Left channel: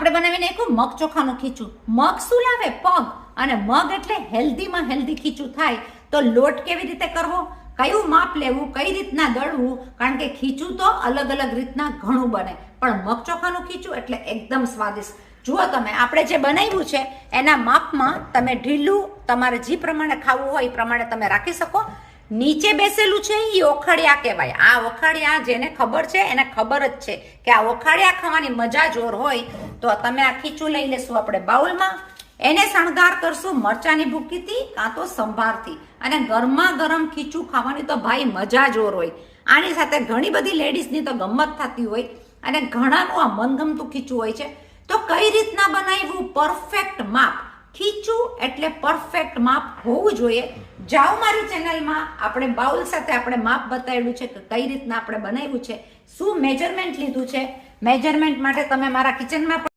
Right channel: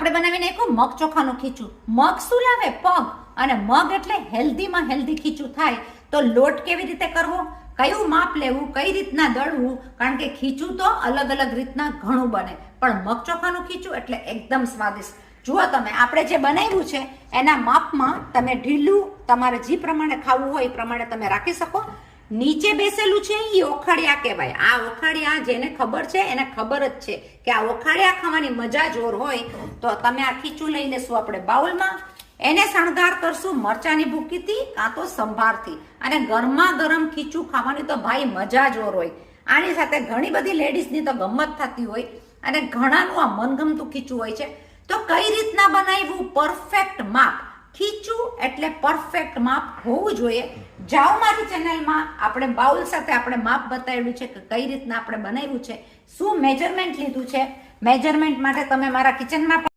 આપણે બનાવી નાખ્યું મગ ચોખાનું ખીચું. મગ શું લાવે? પગ. અને મગ એટલે હેલ્ધીમાં હેલ્ધી ખીચું થાય. તો લોટ કેવી રીતે કરવો, કયું માપ લેવું, કઈ રીતના દળવું, કારણ કે ખીચું તો અલગ અલગ રીતના ઘણું બને, પણ મગ ચોખાનું ખીચું એટલે એકદમ સ્વાદિષ્ટ. જુઓ તમે, આપણે જે બનાવ્યું છે એના માપમાં તમે ઢીલું તમારે જે પ્રમાણે ખાવું હોય એ પ્રમાણે તમે રાખી શકો. નીચે બેસેલું છે એ ઓખડિયા કહેવાય. આ ઓખડિયા જેને ખબર છે એને ખબર જ છે કે આ ઓખડિયા ખાવાની મજા જોર હોય. તો તમે આ ખીચું લઈ લેશું આપણે બાઉલમાં. એને શણગાર કરશું મરચાની ભૂકીથી કાં તો સંભારથી. અને ગરમા ગરમ ખીચું ખાવાની તો ભાઈ મજા જોર હોય. આની સાથે ઘણી બધી લેડીઝની તો ગમત થતી હોય અને ઘણાનું આ મનગમતું ખીચું હોય છે. તો કઈ રીતના બનાવ્યું? પરફેક્ટ માપ. ખીચું એટલે પરફેક્ટ માપ હોવું જોઈએ. જાઓ મારી ચેનલમાં, આપણે બાઉલ સાથે આપણે માપ બતાવ્યું છે કે કઈ રીતના આપણે બનાવ્યું છે, શું મેજરમેન્ટ લીધું છે. મેજરમેન્ટ માટે તમે મારા કિચનમાં